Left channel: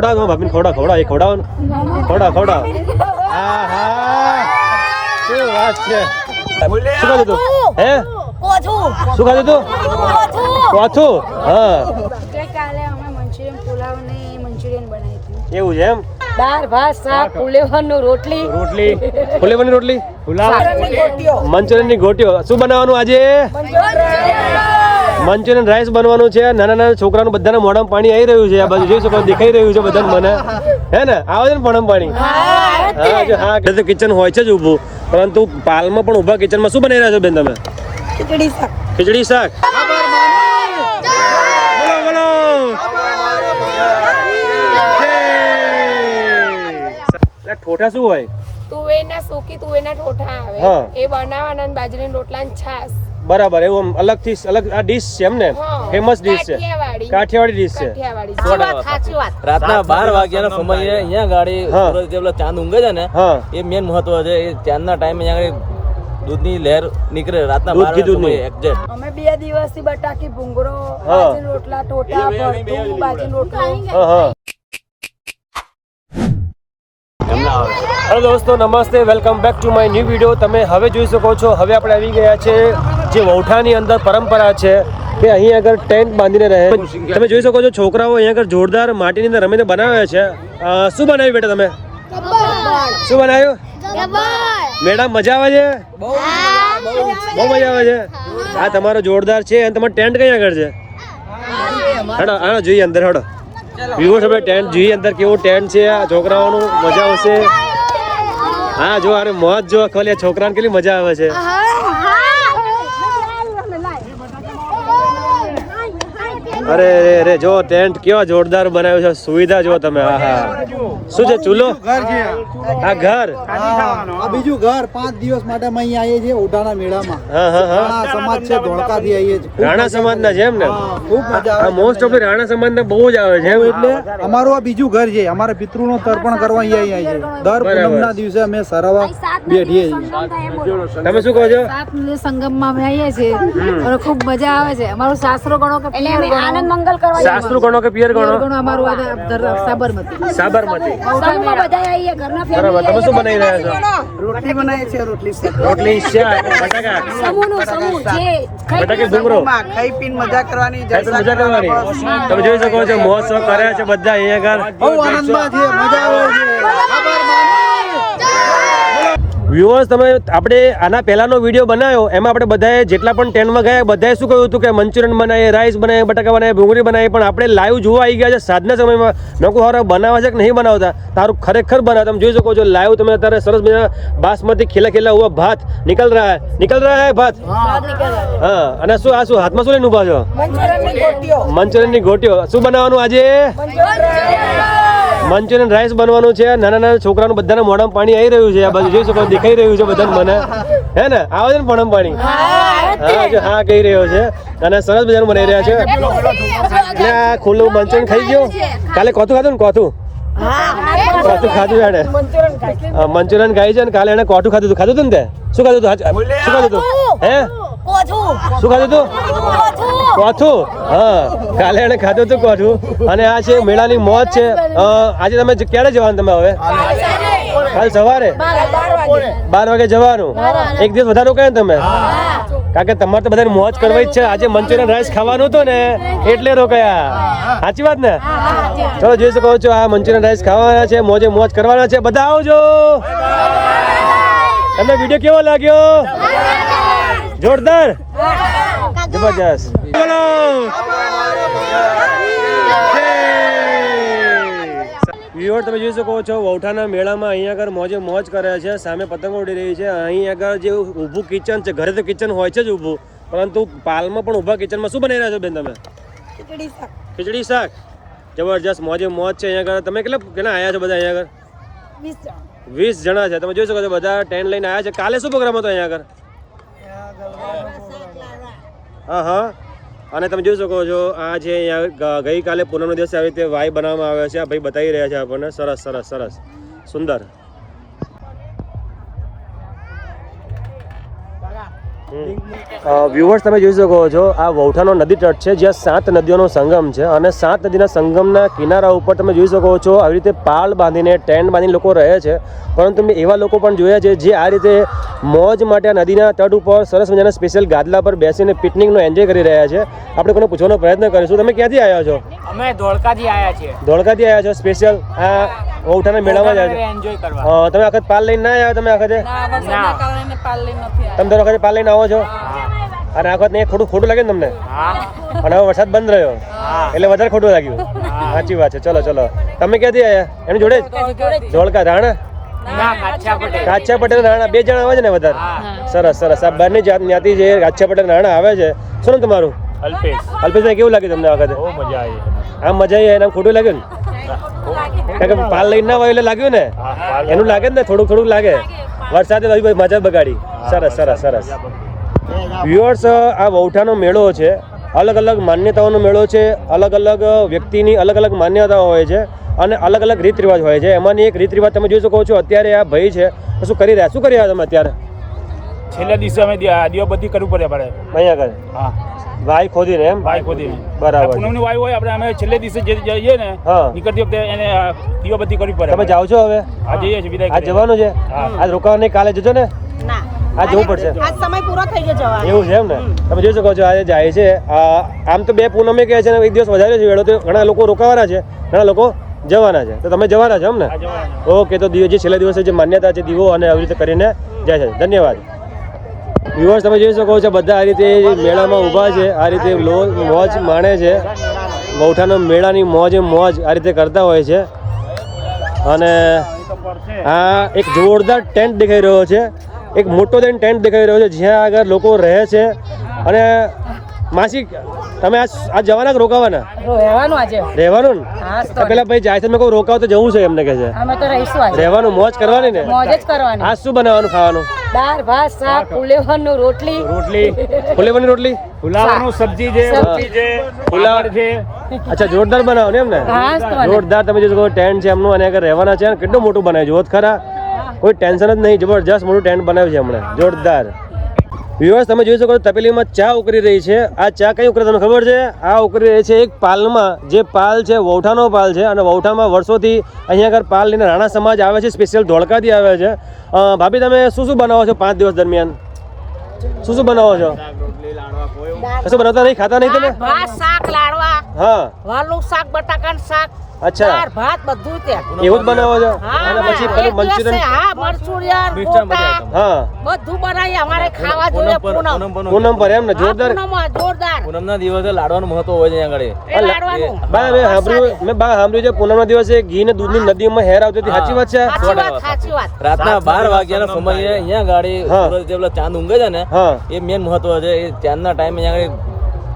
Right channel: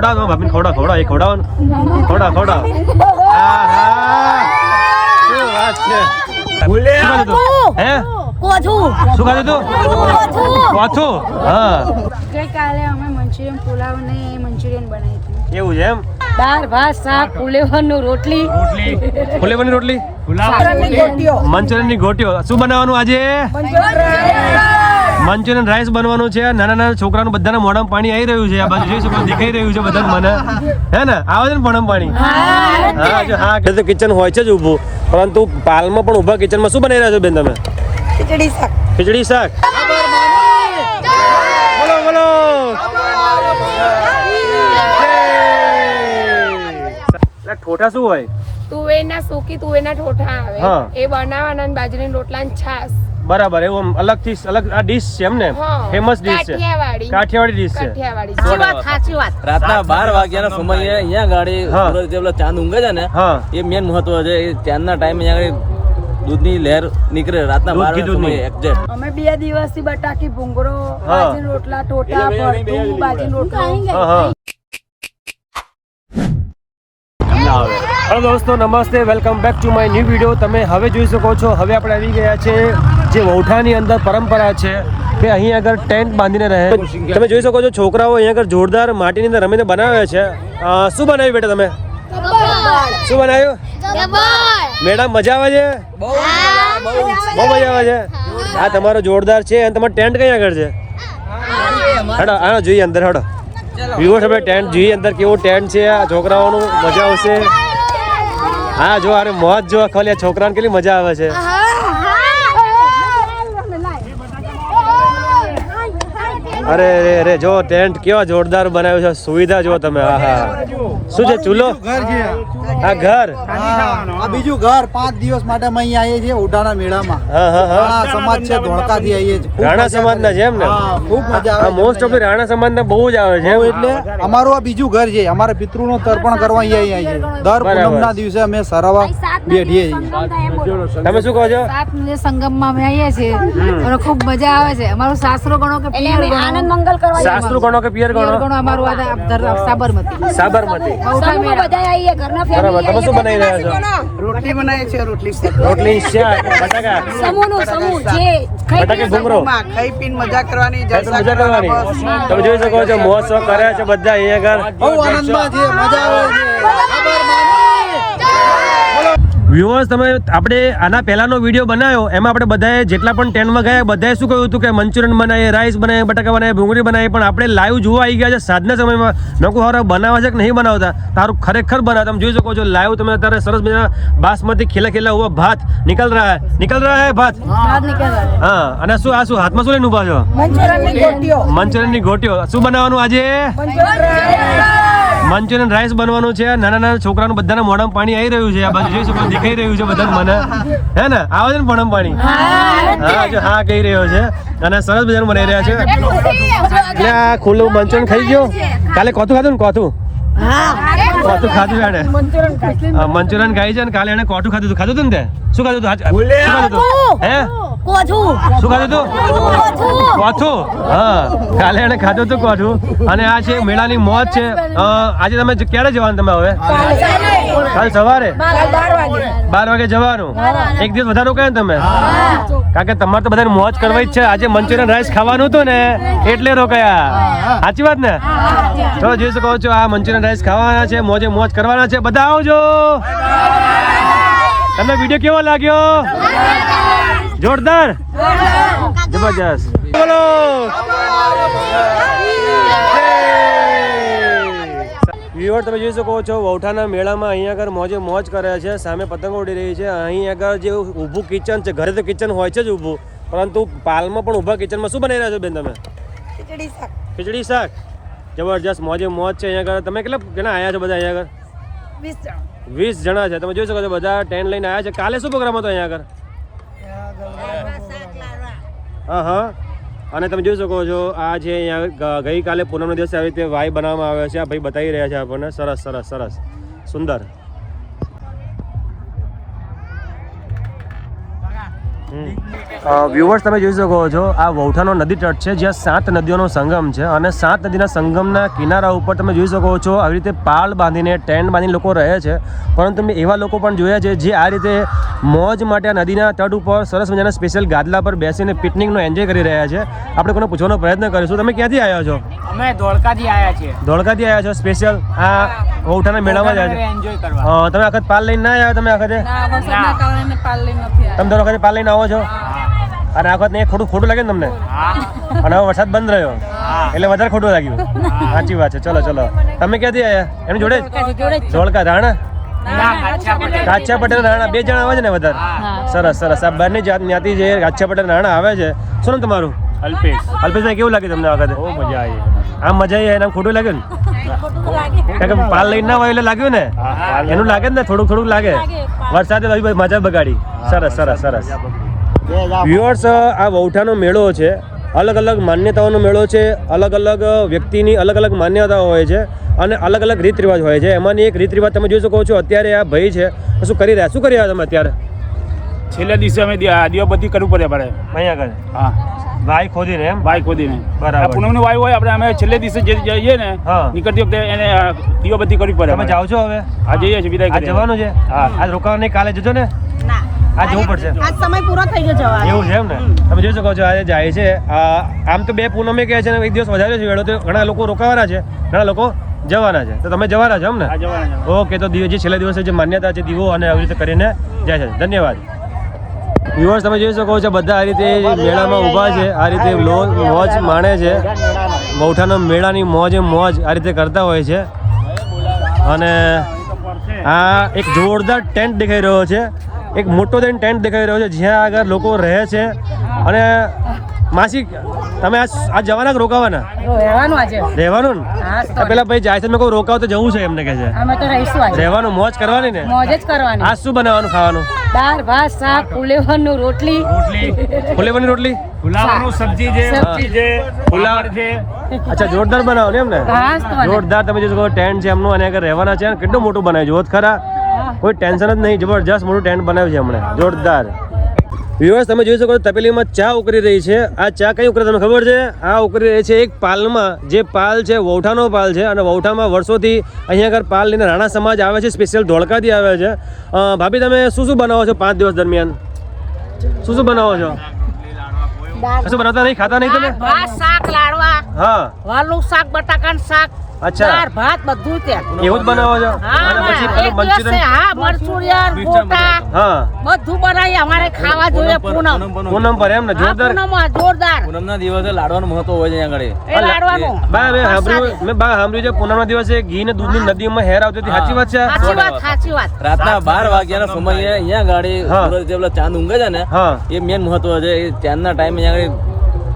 ખવડાવો ભાભીને ખવડાવો ખવડાવો એ ખવડાવો ખવડાવો ખવડાવો. હા હા શું વાત છે? શું ખાધું તું? હે? શું ખાધું તું? કોથું? હા. ગઈકાલે અમે મંચુરિયન પુલાવ ને મંચુરિયન બનાવી હતી. એવું છે એમ? દાળ ભાત શાક ફુલેવરનું રોટલી. રોટલી. ફુલેવરની રોટલી? મંચુરિયનની ગોટીઓ. શું બનાવવાનું આજે? મંચુરિયન રાઈસ બનવાનું છે. નાના નાના છોકરાનું બધાના મોઢામાં પાણી આવી રહ્યું છે. આ બાજુ જોઈ શકો દેખાઈ રહ્યું છે બધાને મને. હે ને? આવે છે ને મોઢામાં પાણી. હા જો હા એટલે તો કિચન હોય છે જ ઊભું. પરંતુ પાલમાં પણ ઊભા કિચનમાં શું બનાવી રહ્યા છો બેન તમે? ખીચડી શાક. ખીચડી શાક? ઠોઠા શું હોય? તુવેરના સૂકી તુવેરના ઠોઠા. આવે. એ બનાવવાના બાજરીના બાજરીની રોટલા ને છાસ બરાબર એવું અલગ અલગથી અલગ આ ડીશ છે એમ ને ફેમસ ડીશ છે. કાઠિયાવાડી. કાઠિયાવાડી ડીશ છે. રાતના બાર વાગ્યાના સમય અહીંયા ગાડી સૂરજ જે ચાંદ ઊંઘે છે ને એ મેન મહત્વ છે. એ ચાંદના ટાઈમે અહીંયા દૂધની લહેર નીકળે રાતના દૂધ બાર કી દૂધની? એક્ઝેક્ટ અમે બે દિવસથી બટાકી ભૂંગળો. રોટલા ટોટા ભરતું બાજી રોટલો હા હા હેલો દોસ્તો, નમસ્તે, welcome back to my new video. તમે હવે જોઈ શકો છો, હવે આપણે આવી ગયા છે જે વૌઠાની અંદર પરંપરા છે કે અહીં આગળ ટેન્ટ બાંધીને રહે. તમે જોઈ શકો છો, છોકરાઓ અહીં આગળ જોરદાર માટીની અંદર રમીને બનાવે છે. શું બનાવ્યું બેટા તમે? શું બનાવ્યું? મેડમ, મજા આવે છે? બહુ મજા આવે છે. આ તમારો જોરદાર છે. અને તમારો ટેન્ટ કઈ આગળ છે? હેડો આનો જોઈએ અંદર, હેડો. વિવો તમે ટેન્ટ જોઈએ અંદર કેવું ટેન્ટ છે. આ છોકરાઓનું મજા આવશે. હા, જો, અરે મોજ જો ખાલી છોકરાને કેટલી મજા આવે છે. અરે રે રે જો, ટેન્ટ કેવા જોરદાર બનાવ્યો છે. સુવિધા જો તમે. હા હા શું છે, ચૂલો? આ ઘર? આ બીજું ઘર પાંચ દિવસ માટે અમે અહીંયા આવીએ છીએ ઉડાના મેળામાં. હા હા હા. રાણા સમાજ છે ધોળકાથી આવીએ છીએ. રાણા સમાજ ના છે એમ ને? ખૂબ મજા આવે. મોસ્ટ ઓફ રાણા સમાજના બહુ જ આવે છે એટલે અમારું આ બીજું ઘર છે. અમારે પિતૃનું તર્પણ કરવા અહીંયા આવીએ છીએ. દર પૂનમ ના દિવસે અમે સરાવા બેઠીએ છીએ. તમે શું કહો છો? સંગમમાં અમે આવીએ છીએ. અને ખૂબ મજા આવે છે. અમારું સાસરો ગણો કે પિયર ગણો? આનંદ મંગલ કરવા સાસુ ગણો કે પિયર ગણો? ગણો અમારું આ સાબરમતી. સાબરમતી. બરાબર તમે શું બનાવી રહ્યા છો? રોટલી બનાવી છે રોટલી રોટલી બટાકા? સમૂહનું સમૂહ જે બટાકે ભૂંગળો? ખાઈ પીને મજા કરવાની ખાઈ મજા કરવાની તમે જોઈ શકો છો મહોત્સવ કર્યા છે બધા અહીંયા આગળ. વ્યુઅર્સ તમે આપણે આના પહેલાનો વીડિયો બનાવ્યો એમાં આપણે બધાએ જેટલા પણ ટેનમાં ગયા બધાએ શું કહ્યું હતું કે મંચુરિયન બનાવીએ રાઈસ બનાવીએ બટાકા બનાવીએ ભૂંગળી બનાવીએ પણ આપણે લાઈવ જોવા આવી ગયા છે સાંજના સમયમાં. નકો હારા બનાવે છે કે નહીં બનાવતા? તારું ખરેખર બનાવે. તમે જોઈ શકો છો લાઈવ તમે અત્યારે સરસ મજા બાસમતી ખીલા ખીલા હુआ ભાત નીકળ રહ્યા હે. રહ્યા રહા હે. ભાત હા. અને શું આ શું હાથમાં શું લઈને ઊભા છો? મંચુરિયનની ગોટીઓ. મંચુરિયનની ગોટીઓ. શું બનાવવાનું આજે? મંચુરિયન રાઈસ બનવાનું છે. નાના નાના છોકરાનું બધાના મોઢામાં પાણી આવી રહ્યું છે. આ બાજુ જોઈ શકો દેખાઈ રહ્યું છે બધાને મને. હે ને? આવે છે ને પણ પાણી? હા જો હા કહી રહ્યો છે. અને સરસ બધાને બનાવી રહ્યા છે. એટલે આ ખુલ્લું મંચુરિયન ખાઈ ગયો. કાલે કોથું ખાધું ને કોથું? કોથું ખાધું એને મંચુરિયન ખાઈ છે ને કાલે એને કોઠું ખાધું હતું ખાધું હતું ને તે? શું ખાધું હતું શું ખાધું હતું હે? કોઠું શું ખાધું તું? કોઠું હા. કાલે એને ખાધું હતું કોઠું અને આ છે મેળાની મોજ છે. આજે તમે ક્યારે જવાનું તમે હવે? કાલ સવારે? બાર વાગે જવાનું. એક દિવસ વધારે કહે તમે? કારણ કે તમારે તો બધાને મોજ કરવી જ છે. આજે મંચુરિયન રાઈસ ખાવાનું હતું ને એટલે રોકાયા. સાચી વાત ને? ચલો જોઈ શકો છો આ મંચુરિયન રાઈસ ખાવાના છે મોજે મોજ કરવાના છે. બધા આવજો. તમને વીડિયો કેવો લાગ્યો? જોરદાર. જબરજસ્ત. વ્યુઅર તમે જોઈ શકો છો વૌઠાના મેળામાં અહીંયા આગળ મોજે મોજ કરે છે સામે પતંગો ઉડી રહી છે. અહીં આગળ જે ઊભું કિચન છે ઘરે તો કિચન હોય છે જ ઊભું. પરંતુ પાલમાં પણ ઊભા કિચનમાં શું બનાવી રહ્યા છો બેન તમે? ખીચડી શાક. ખીચડી શાક. જબરજસ્ત મોજે મોજ છે અહીંયા આગળ. તમે કેટલા કેટલા આવ્યા છો બધા અહીંયા આગળ? વીસ જણા. છે. તમે જોઈ શકો છો બધા ટેન્ટ લઈને આવ્યા છે. કાલે શું પ્રોગ્રામ હતો અહીંયા આગળ? હા હા. અને તમે જોઈ શકો છો, આ જે અહીંયા ગઈકાલે પૂનમના દિવસે આવી રીતે વાઈ બનાવવામાં આવ્યો છે. આ ભાઈ બતાવી રહ્યા છે આપણને. સરસ સરસ સરસ. સુંદર. વ્યુવર્સ તમે જોઈ શકો છો આ વૌઠાનો નદી તટ છે જ્યાં સાત નદીઓનો સંગમ છે અને સાત નદીના સંગમના કિનારા ઉપર તમે જોઈ શકો છો આવી રીતે પાળ બાંધીને ટેન્ટ બાંધીને લોકો રહે છે. પરંતુ મેં એવા લોકો પણ જોયા છે જે આ રીતે મોજ માટે આ નદીના તટ ઉપર સરસ મજાના સ્પેશિયલ ગાદલા પર બેસીને પિકનિકનો એન્જોય કરી રહ્યા છે. આપણે કોને પૂછવાનો પ્રયત્ન કરીશું. તમે ક્યાંથી આવ્યા છો? અમે ધોળકાથી આવ્યા છીએ. ધોળકાથી આવ્યા છો સ્પેશિયલ આ વૌઠાના મેળામાં જ આવ્યા છો? તમે આખત પાલ લઈને ના આવ્યા તમે આખતે તમે દર વખતે પાલ લઈને આવો છો? અને આ વખત ને ખોટું ખોટું લાગે ને તમને? અને હવે વરસાદ બંધ રહ્યો. એટલે વધારે ખોટું લાગ્યું. સાચી વાત છે. ચલો ચલો. તમે ક્યાંથી આવ્યા એમ જોડે જ? ધોળકા રાણા? કાચા પટેલ રાણા. બે જણા આવે છે ને વધારે? સરસ સરસ. આ બંને જાત જ્ઞાતિ છે. કાચા પટેલ રાણા આવે છે. શું નામ તમારું? અલ્પેશ. અલ્પેશભાઈ કેવું લાગ્યું તમને આ વખતે? બહુ મજા આવી. આમ મજા આવી એનામ ખોટું લાગ્યું ને? કારણ કે પાલ લઈને ના હોય એટલે લાગ્યું ને? એનું લાગે ને થોડુંક થોડુંક લાગે. વરસાદે ભાઈ મજા બગાડી. સરસ સરસ સરસ. વ્યુઅર્સ આ વૌઠાનો મેળો છે. અલગ અલગ માન્યતાઓનો મેળો છે. અલગ અલગ વ્યક્તિની અલગ અલગ માન્યતાઓ હોય છે અને અલગ અલગ રીત રિવાજ હોય છે. એમાંની એક રીત રિવાજ તમે જોઈ શકો છો. અત્યારે આ ભાઈ છે. શું કરી રહ્યા? શું કરી રહ્યા તમે અત્યારે? છેલ્લા દિવસે અમે બધી કરવું પડે અમારે. અહીંયા આગળ. હા. ભાઈ ખોદીને એમ? વાય ખોદીને. બરાબર. આ પૂનમની વાય હોય આપણે અમે છેલ્લે દિવસે જે જઈએ ને. નીકળતી વખતે એને આ દીવાબત્તી કરવી પડે તમે જાવ છો હવે. આ જઈએ છીએ વિદાય આજ જવાનું છે. આજ રોકાવા નહીં કાલે જજો ને. આજ જવું પડશે. આજ સમય પૂરો થઈ ગયો જવા એવું છે એમ ને? તમે જોઈ શકો છો આજે જાય છે. આ આમ તો બે પૂનમે કહે છે ને એક દિવસ વધારે છે વેળો તો ઘણા લોકો રોકાવાના છે ઘણા લોકો જવાના છે. તો તમે જવાના છો એમ ને? હા જવાના છે. ઓકે તો દીવો જે છેલ્લા દિવસે જે માન્યતા છે દીવો અને આવી રીતે કરીને જાય છે. ધન્યવાદ. વ્યુઅર્સ તમે જોઈ શકો છો બધા આ રીતે મેળામાં ઊભા છે આ રીતે મોજ માણે છે. મૌઠાનો મેળાની મોજ મોજ આ રીતે કરતા હોય છે. અને આ એક જોરદાર ટેન્ટ દેખાઈ રહ્યો છે. એક મોટો દેન ટેન્ટ દેખાઈ રહ્યો છે જ્યાં આગળ લોકો રહે છે. અને માસી તમે આ આ જવાના કે રોકાવાના? રહેવાનું આજે. રહેવાનું ને? પેલા ભાઈ જાય છે મેં કોઈ રોકાવ તો જવું છે એમને કહે છે. અમે તો રહીશું આજે. રહેવાનું મોજ કરવાની ને? મોજ જ કરવાની. આ શું બનાવવાનું ખાવાનું? દાળ ભાત શાક ફુલેવરનું રોટલી. રોટલી. ફુલેવાની રોટલી? ફુલાવાનું સબ્જી છે સબ્જી. છે ફુલાવર છે. અચ્છા જોરદાર બનાવો ને એમને. જોરદાર તમે જે ટેન્ટ છે એમનું અને આગળ રહેવાના છે કેટલું મોટું બનાવ્યું જોત ખરા. કોઈ ટેન્શન જ નહીં જબરજસ્ત મોટું ટેન્ટ બનાવ્યું છે હમણાં જોરદાર. વ્યુઅર્સ તમે જોઈ શકો છો તપેલીમાં ચા ઉકળી રહી છે. આ ચા કઈ ઉકળે તમને ખબર છે? આ ઉકળી રહી છે એક પાલમાં. જે પાલ છે વૌઠાનો પાલ છે. અને વૌઠામાં વર્ષોથી અહીંયા આગળ પાલ લઈને રાણા સમાજ આવે છે સ્પેશિયલ ધોળકાથી આવે છે. ભાભી તમે શું શું બનાવો છો પાંચ દિવસ દરમિયાન? શું શું બનાવો છો? કશું બનાવતા નહીં? ખાતા નહીં તમે? શાક લાડવા. હા. વાલું શાક બટાકાનું શાક. અચ્છા. દાળ ભાત બધું ત્યાં એવું જ બનાવો છો? અને પછી પેલું મંચુરિયન? હા મરચુરિયન ગોટા હા. બધું બનાવી અમારે ખાવા જોઈએ પૂનમ પૂનમ. પર એમ ને જોરદાર? પૂનમ જોરદાર. પૂનમના દિવસે લાડવાનું મહત્વ હોય છે આગળ. એ લાડવાનું. બા મેં સાંભળ્યું મેં બા સાંભળ્યું છે પૂનમના દિવસે ઘી ને નદી માં હેર આવતી હતી. સાચી વાત છે? સાચી વાત સાચી વાત. રાતના બાર વાગ્યાનો સમય અહીંયા ગાડી સૂરજ જે પેલો ચાંદ ઊંઘે છે ને હા. એ મેન મહત્વ છે. એ ચાંદના ટાઈમે અહીંયા આગળ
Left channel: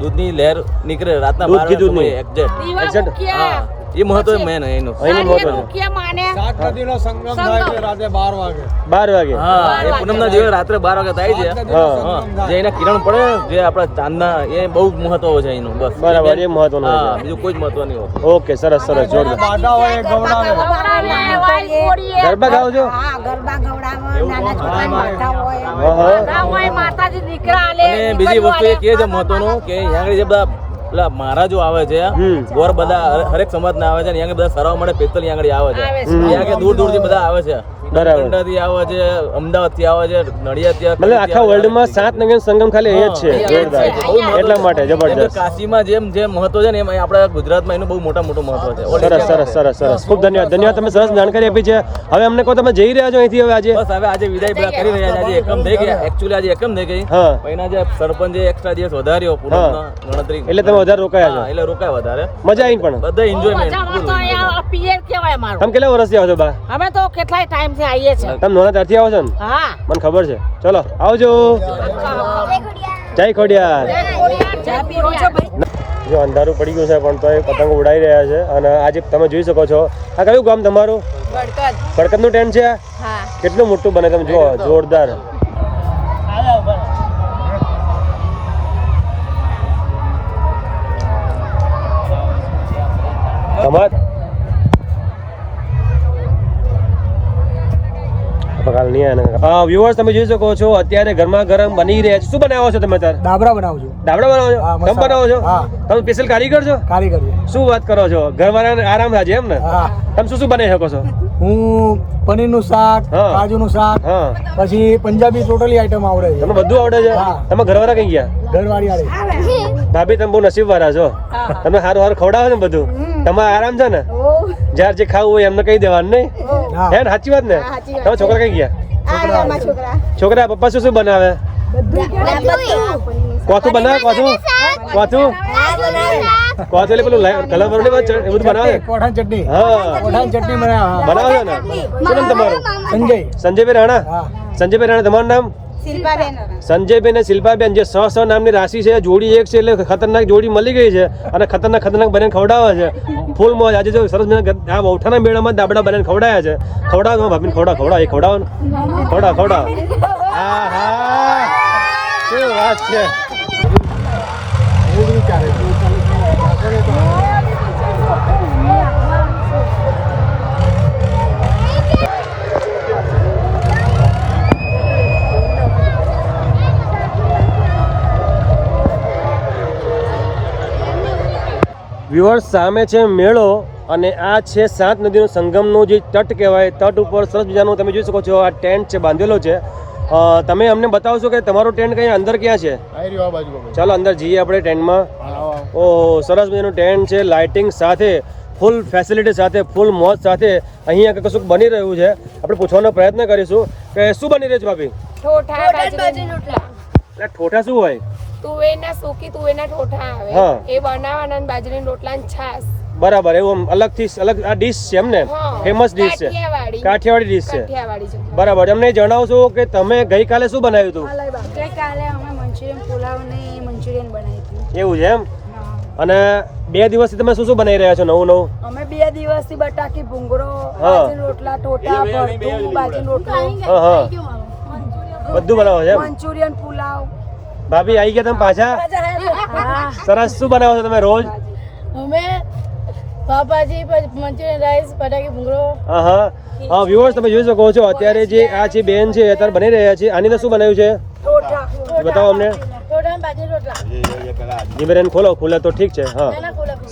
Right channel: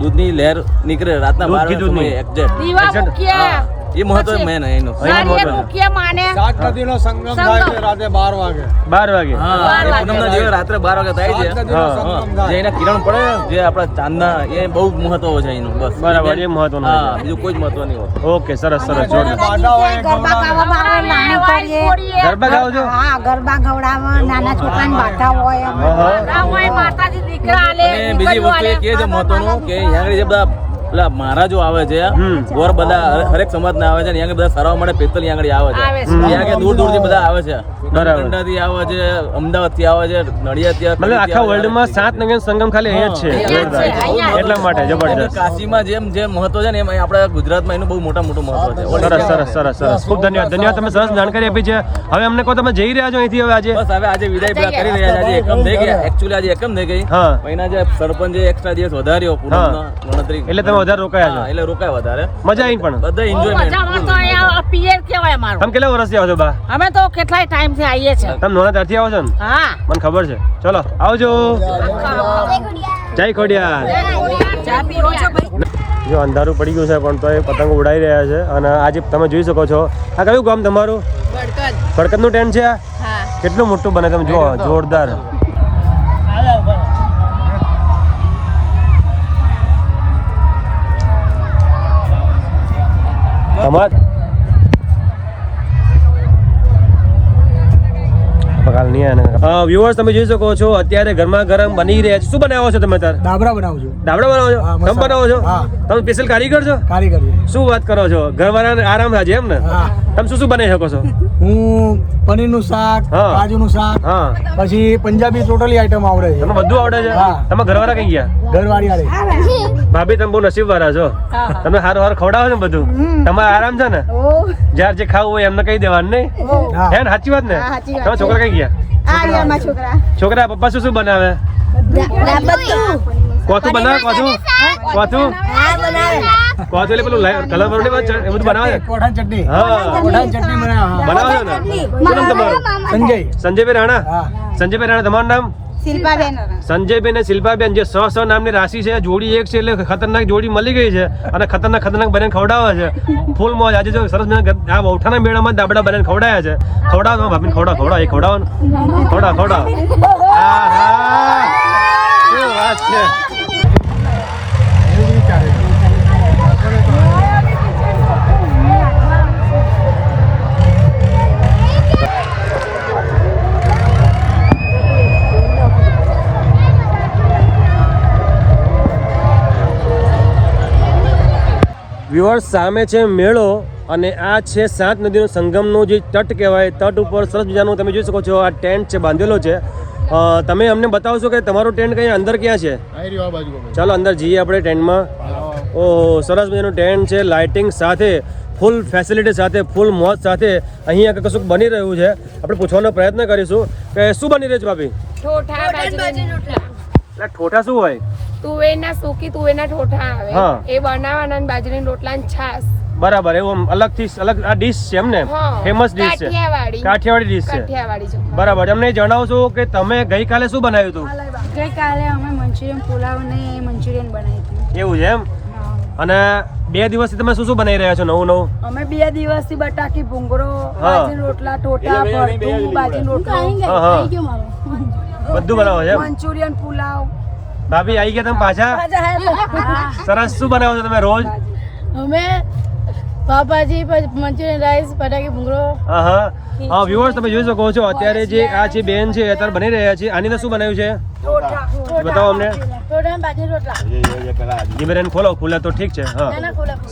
દૂધની લહેર નીકળે રાતના દૂધ બાર ઘી દૂધની. એક્ઝેક્ટ દીવા Exact. મૂકીએ. એ મહત્વ મેન એનું. મૂકીએ માને સાત નદીનો સંગમ થાય છે રાતે બાર વાગે. બાર વાગે? હા. પૂનમના જે રાત્રે બાર વાગે થાય છે. જે એના કિરણ પડે જે આપણા ચાંદના એ બહુ મહત્વ છે એનું બસ. બરાબર, એ મહત્વનું છે. બીજું કોઈ જ મહત્વ નહીં હોતું ઓકે સરસ સરસ જોરદાર. બાધા હોય ગરબા ગવડાવે. ગાઓ છો? હા ગરબા ગવડાવવા નાના છોકરાને બાધા હોય હા, હા. હોય માતાજી દીકરા આલે અને બીજી વસ્તુ એ કે છે મહત્વનું કે અહીંયા જે બધા પેલા મહારાજો આવે છે બોર ગોર બધા હરે- હરેક સમાજ ના આવે છે અહીંયા બધા સરવા માટે પેતલ અહીંયા આગળ આવે છે. ત્યાં. દૂર દૂરથી બધા આવે છે. બરાબર. થી આવે છે અમદાવાદથી આવે છે નડિયાદથી મતલબ આખા વર્લ્ડમાં સાત નગર સંગમ ખાલી અહીંયા જ છે. એટલા માટે જબરજસ્ત. કાશીમાં જેમ જેમ મહત્વ છે ને એમ આપણા ગુજરાતમાં એનું બહુ મોટા મોટું મહત્વ છે. સરસ સરસ સરસ સરસ. ખૂબ ધન્યવાદ. ધન્યવાદ તમે સરસ જાણકારી આપી છે. હવે અમને કહો તમે જઈ રહ્યા છો અહીંથી હવે આજે? બસ હવે આજે વિદાય કરી રહ્યા છે. આજે એકમ થઈ ગયા. એકચ્યુઅલી આજે એકમ થઈ ગઈ. મહિના જે સરપંચે એક્સ્ટ્રા દિવસ વધાર્યો ગણતરી. એટલે તમે વધારે રોકાયા છો. એટલે રોકાય વધારે. મજા આવી પણ. બધા એન્જોયમેન્ટ પિયર કહેવાય અમારું તમે કેટલા વર્ષથી આવો છો બા? અમે તો કેટલાય ટાઈમથી આવીએ છે તમે નોના ત્યારથી આવો છો ને? હા. મને ખબર છે. ચલો આવજો. જય ખોડિયાર. ચા પીવો છો ભાઈ? જો અંધારું પડી ગયું છે પણ તો એ પતંગ ઉડાઈ રહ્યા છે. અને આજે તમે જોઈ શકો છો આ કયું ગામ તમારું? ભડકતનું ટેન્ટ છે આ? કેટલું મોટું બને તમે? જો જોરદાર. તમાર વ્યુઅર્સ તમે જોઈ શકો છો અત્યારે ઘરમાં ગરમ બની રહ્યા છે. શું બનાવો છો તમે અત્યારે? દાબરા બનાવું છું. દાબડા બનાવો છો? તમે બનાવો છો? તમે સ્પેશિયલ કારીગર છો? કારીગર શું વાત કરો છો? ઘરવાળાને આરામ થાય છે એમ ને? તમે શું શું બનાવી શકો છો? હું પનીરનું શાક હા. કાજુનું શાક હા. પછી પંજાબી ટોટલી આઈટમ આવડે છે. તમને બધું આવડે છે? હા. તમે ઘરવાળા કઈ ગયા? ઘરવાળી આરે ભાભી તમે બહુ નસીબ વાળા છો. તમે સારું સારું ખવડાવો ને બધું? તમારે આરામ છે ને? જ્યારે જે ખાવું હોય એમને કહી દેવાનું નહીં? હા હે ને? સાચી વાત ને? તમે છોકરા કઈ ગયા? છોકરા. પપ્પા શું શું બનાવે? કોથું બનાવે? કોથું? કોથું? કોથું એટલે પેલું કલર વાળું નહીં એ બધું બનાવે? ને? ચટણી. હા. કોઠાની ચટણી બનાવે હા. બનાવો છો ને? શું નામ તમારું? સંજય. સંજયભાઈ રાણા? હા. સંજયભાઈ રાણા તમારું નામ? સંજયબેન ને શિલ્પાબેન જે સ સ નામની રાશિ છે જોડી એક છે એટલે ખતરનાક જોડી મળી ગઈ છે અને ખતરનાક ખતરનાક બને ખવડાવે છે. ફૂલ મોજ. આજે જો સરસ આ વૌઠાના મેળામાં દાબડા બને ખવડાયા છે. ખવડાવો ભાભીને ખવડાવ ખવડાવ. એ ખવડાવો ખવડાવ ખવડાવ. હા હા શું વાત છે. વ્યુઅર્સ સામે છે મેળો અને આ છે સાત નદીનો સંગમનો જે તટ કહેવાય તટ ઉપર સરસ મજાનું તમે જોઈ શકો છો આ ટેન્ટ છે બાંધેલો છે. તમે અમને બતાવશો કે તમારો ટેન્ટ કઈ અંદર ક્યાં છે? ચાલો અંદર જઈએ આપણે ટેન્ટમાં. ઓહો સરસ મજાનું ટેન્ટ છે લાઇટિંગ સાથે ફૂલ ફેસિલિટી સાથે ફૂલ મોજ સાથે અહીં આગળ કશું બની રહ્યું છે. આપણે પૂછવાનો પ્રયત્ન કરીશું કે શું બની રહ્યું છે ભાભી? એટલે ઠોઠા શું હોય? તુવેરના સૂકી તુવેરના ઠોઠા હા. આવે એ બનાવવાના અને બાજરીની રોટલા ને છાસ બરાબર એવું આમ અલગથી અલગ આ ડીશ છે એમ ને? હા. ફેમસ ડીશ છે. કાઠિયાવાડી. કાઠિયાવાડી ડીશ છે. કાઠિયાવાડી બરાબર અમને જણાવશો કે તમે ગઈકાલે શું બનાવ્યું હતું? ગઈકાલે અમે મંચુરિયન પુલાવ ને મંચુરિયન બનાવ્યું હતી. એવું છે એમ? અને બે દિવસથી તમે શું શું બનાવી રહ્યા છો નવું નવું? અમે બે દિવસથી બટાકી ભૂંગળો હા. રોટલા ટોટા ભરતું બાજરી રોટલો. હા હા. બધું બનાવો છે મંચુરિયન પુલાવ. ભાભી આવી ગયા તમે પાછા? સરસ શું બનાવો છો તમે રોજ? અમે પાપાજી મંચુરિયન રાઈસ બટાકી ભૂંગળો. હા હા હા વ્યુઅર્સ તમે જોઈ શકો છો અત્યારે જે આ જે બેન છે અત્યારે બની રહ્યા છે. આની અંદર શું બનાવ્યું છે? બતાવો અમને. જીમેરેન ખોલો ખુલે તો ઠીક છે હા.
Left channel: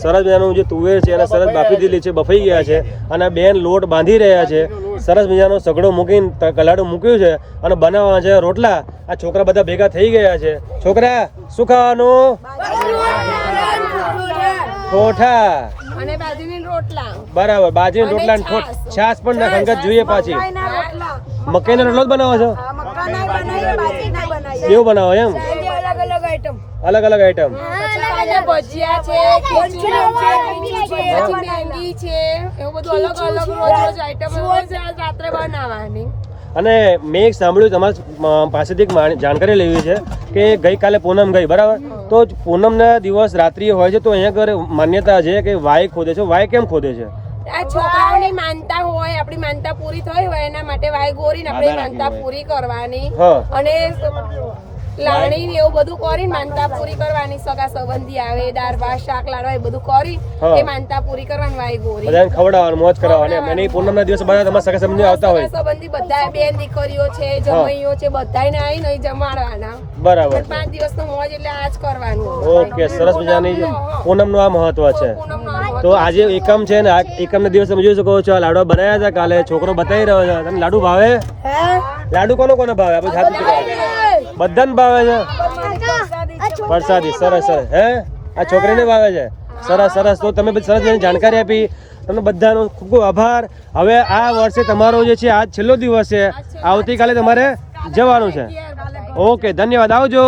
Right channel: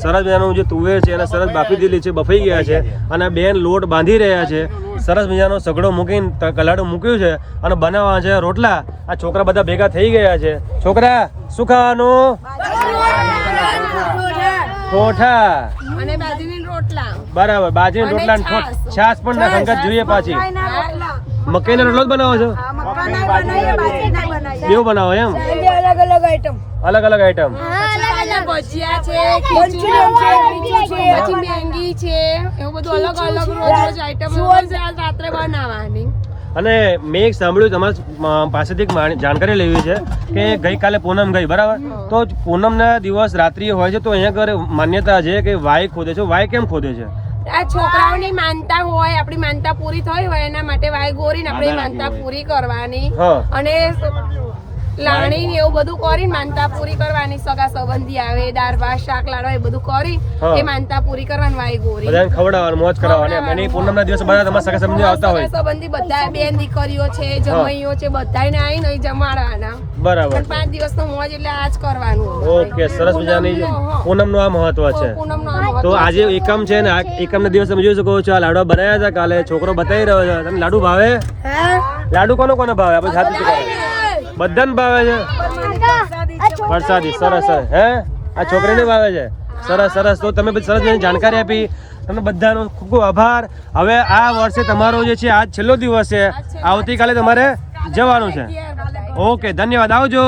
સરસ મજાનું જે તુવેર છે એને સરસ બાફી દીધી છે બફાઈ ગયા છે. અને બેન લોટ બાંધી રહ્યા છે. સરસ મજાનો સગડો મૂકીને કલાડું મૂક્યું છે અને બનાવવા છે રોટલા. આ છોકરા બધા ભેગા થઈ ગયા છે. છોકરા શું ખાવાનું? કોઠા. બરાબર બાજરી રોટલા છાસ પણ ના સંગત જોઈએ પાછી. મકાઈનો રોટલો. જ બનાવો છો? એવું બનાવો એમ? અલગ અલગ આઈટમ અલગ અલગ આઈટમ ભજીયા છે છે એવું બધું અલગ અલગ રોજ રોજ આઈટમ રાત્રે બનાવવાની. અને મેં એક સાંભળ્યું તમારા પાસેથી એક જાણકારી લેવી છે કે ગઈકાલે પૂનમ ગઈ બરાબર? તો પૂનમના દિવસ રાત્રિ હોય છે તો અહીંયા આગળ માન્યતા છે કે વાય ખોદે છે વાય કેમ ખોદે છે? આ છોકરાઓની માનતા હોય આપણી માનતા પૂરી થઈ હોય એના માટે વાય ગોરીને આપણે માનતા પૂરી કરવાની. અને લાણી ને એવું બધું કરી માનતા પૂરી કરવાની સગા સંબંધી આવે દાળ ભાત શાક લાડવા એ બધું કરી એ માનતા પૂરી કરવાની વાય ગોરી બધાને ખવડાવવાનું મોજ કરાવવાની. એની પૂનમના દિવસે બધા તમારા સગા સંબંધી આવતા હોય. સગા સંબંધી બધા બેન દીકરીઓ છે જમૈયો છે બધાને આવીને અહીં જમાડવાના. બરાબર પાંચ દિવસ નો મોજ એટલે આજ કરવાનું. ઓકે સરસ મજાની પૂનમનું આ મહત્વ છે. તો આજે એકમ છે ને એકમ ના દિવસે તમે જોઈ શકો છો આ લાડવા બનાવ્યા હતા કાલે છોકરો બતાવી રહ્યો છે. તમને લાડુ ભાવે? લાડુ કોનો કોને ભાવે? આપણે જાતે બધાને ભાવે છે? વરસાદી, સરસ સરસ. હે? આ છોકરીને ભાવે છે? સરસ સરસ. તો તમે બધી સરસ જાણકારી આપી. તમને બધાનો ખૂબ ખૂબ આભાર. હવે આ વર્ષે તમારો જે છે, આજ છેલ્લો દિવસ છે. આવતીકાલે તમારે જવાનું છે. ઓકે, ધન્યવાદ. આવજો.